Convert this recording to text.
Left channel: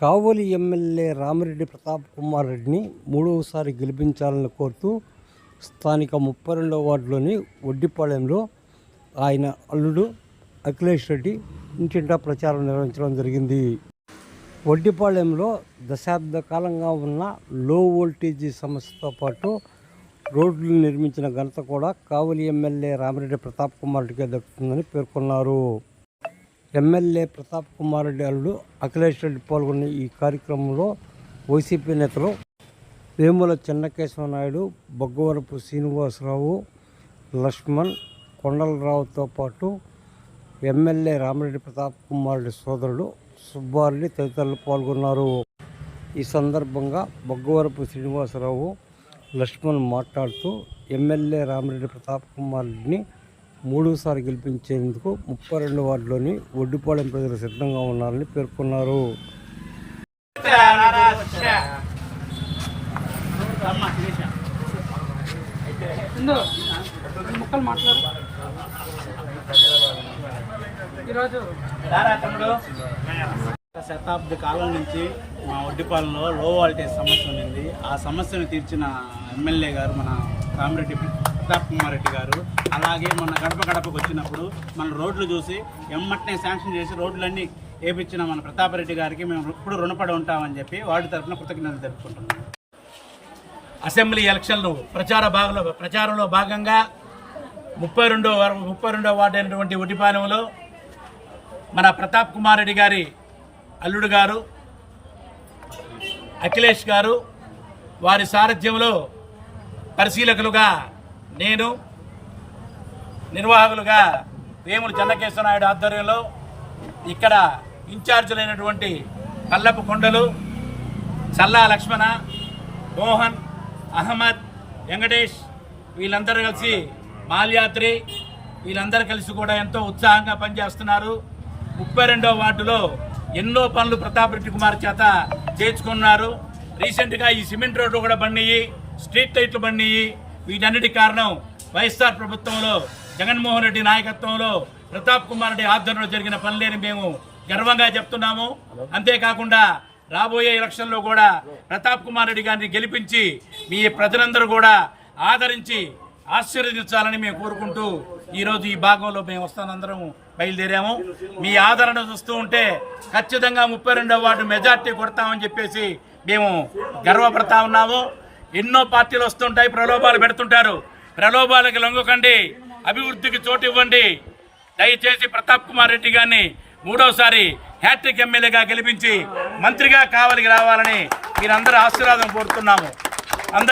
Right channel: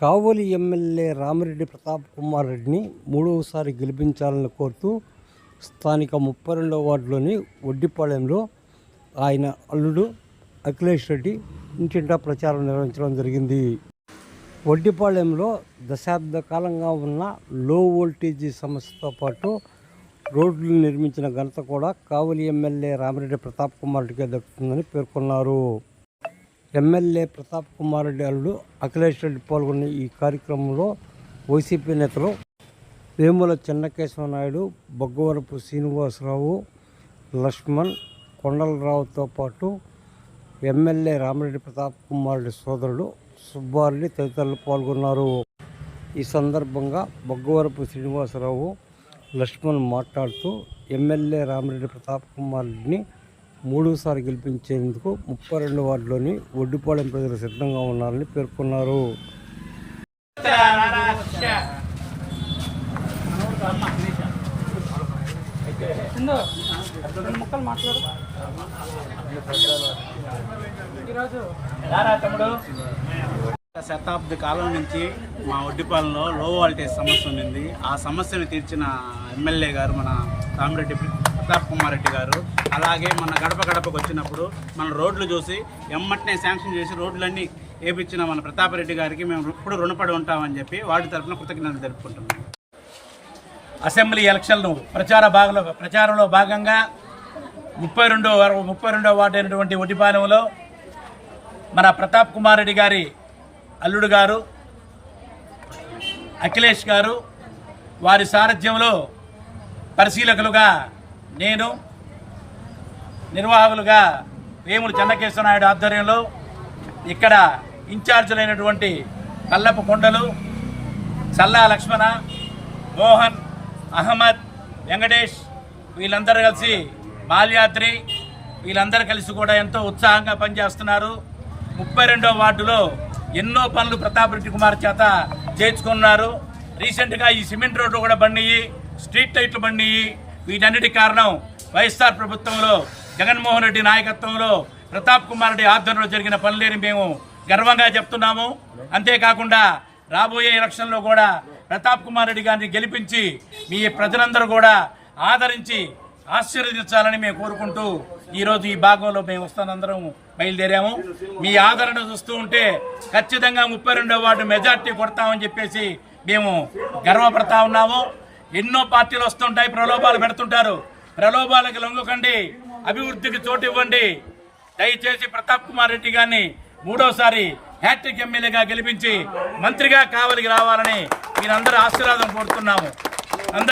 కావలి MLA Ramireddy Pratap Kumar రెడ్డిని మూడవసారి గెలిపించాలని కోరుతూ స్థానిక ముప్పై రెండవ వార్డులోని ఒడ్డిపాళెంలో ఆయన అల్లుడు అఖిలేష్ రెడ్డి ఇంటింటా ప్రచారం నిర్వహించడం జరిగింది. వడ్డిపాళెంలో దశాబ్ద కాలంగా ఉన్న లో వోల్టేజీ సమస్యతో పాటు రోడ్లు నిర్మించిన ఘనత కూడా కావలి ఎమ్మెల్యే రామిరెడ్డి ప్రతాప్ కుమార్ రెడ్డికే దక్కుతుందని పేర్కొన్నారు. ఎమ్మెల్యే ప్రతాప్ కుమార్ రెడ్డి అల్లుడు అఖిలేష్ రెడ్డి పాల్గొన్న ఈ కార్యక్రమంలో వైసీపీ నేతలు వేముల చెన్నకేశవ నాయుడు బొగ్గవరపు శ్రీనివాసరావు లక్ష్మణ్ కొండలరావుతో పాటు ఎమ్మెల్యే రామిరెడ్డి ప్రతాప్ కుమార్ రెడ్డి సోదరుడు సుబ్బారెడ్డి తదితరులు పాల్గొన్నారు. ఈ సందర్భంగా బొగ్గవరపు శ్రీనివాసరావు లక్ష్మణ్ మాట్లాడుతూ ఎమ్మెల్యే రామిరెడ్డి ప్రతాప్ కుమార్ రెడ్డిని మూడోసారి గెలిపించేందుకు ముప్పై రెండు వార్డులోని ఒడ్డుపాలెం ప్రజలు సిద్ధంగా ఉన్నారని పేర్కొన్నారు. గత శతాబ్ది కాలం నుంచి మా ఒడ్డిపాలెంలో లో వాల్టేజ్ సమస్య ఉండింది. ఆ సమస్యను తీర్చిన ఎమ్మెల్యే గారు మన రామిరెడ్డి ప్రతాప్ కుమార్ రెడ్డి గారు. అలాగే మన గడప గడపకు వచ్చినప్పుడు మన రోడ్లు చూసి ఎమ్మటనే శాంక్షన్ చేసి రోడ్లన్నీ వేపించిన మన ప్రతాప్ రెడ్డి గారికి మేము ఇప్పుడు రుణపడి ఉంటామని చెప్పి వాటి తరఫున కృతజ్ఞతలు తెలుపుకుంటున్నాం. అసెంబ్లీ ఎలక్షన్లు ప్రచార భాగంలో ప్రచారంలో భాగంగా ముప్పై రెండో ముప్పై రెండో వార్డు అయినటువంటి ఒడ్డిపాలెంలో మన ప్రతాప్ కుమార్ రెడ్డి గారి అల్లుడు గారు అఖిలేష్ గారు వారి సారథ్యంలో పరిశీలకులుగా నేను నిర్వాహకులుగా వేములు చెన్నకేశ్వర నాయుడు ఆధ్వర్యంలో ఇక్కడ ఇన్ఛార్జులైనటువంటి పల్లపు కొండలు సల్లా లక్ష్మణ మోహన్ అహ్మద్ వెంకటేష్ వీళ్ళందరూ కలిసి మాల్యాత్రి వీళ్ళందరూ కలిసి కూడా ఎంతో ఉత్సాహంగా పనిచేస్తున్నారు. ముప్పై రెండో వార్డులో ఎన్నో పనులు ప్రతాప్ రెడ్డి కుమార్ చేత చేర్చుకున్నారు. రీసెంట్గా ఈ సిమెంట్ రోడ్లు కూడా బండియి స్ట్రీట్ లైట్లు బండియి వీటన్నిటి కారణం వైఎస్ఆర్ ప్రభుత్వంలో జగన్మోహన్ రెడ్డి నాయకత్వంలో ప్రతాప్ కుమార్ రెడ్డి ఆధ్వర్యంలో జరిగిన పనులేని మేము గర్వంగా చెప్తున్నాము. అంతేకాకుండా రాబోయే ఎలక్షన్లో కూడా ప్రతాప్ కుమార్ రెడ్డి గారిని గెలిపించి మీ ప్రజలందరూ కూడా ఆదరించి ఆశీర్వదించాలని మేము కోరుకుంటూ ఈరోజు ఈ భాగంలో మేము వస్తానందరం బయలుదేరాము. మీ ఆదరణ చూస్తూ ఉంటే ఖచ్చితంగా ముప్పై రెండవ వార్డు మెజార్టీ కొడతామని చెప్పేసి మేము గర్వపడతా ఉన్నాము. ఎన్నో పార్టీలు వస్తుంటాయి ప్రలోభాలు పెడుతుంటారు. ప్రలోభాలకు లొంగకండి అభివృద్ధికి చోటు ఇవ్వండి. దయచేసి ప్రతాప్ కుమార్ రెడ్డి గారిని మూడోసారి హ్యాట్రిక్ ఎమ్మెల్యేగా గెలిపించి మంత్రిగా కావలికి రావాలని మీరందరూ ఆశీర్వాదం కోరుతున్నాము.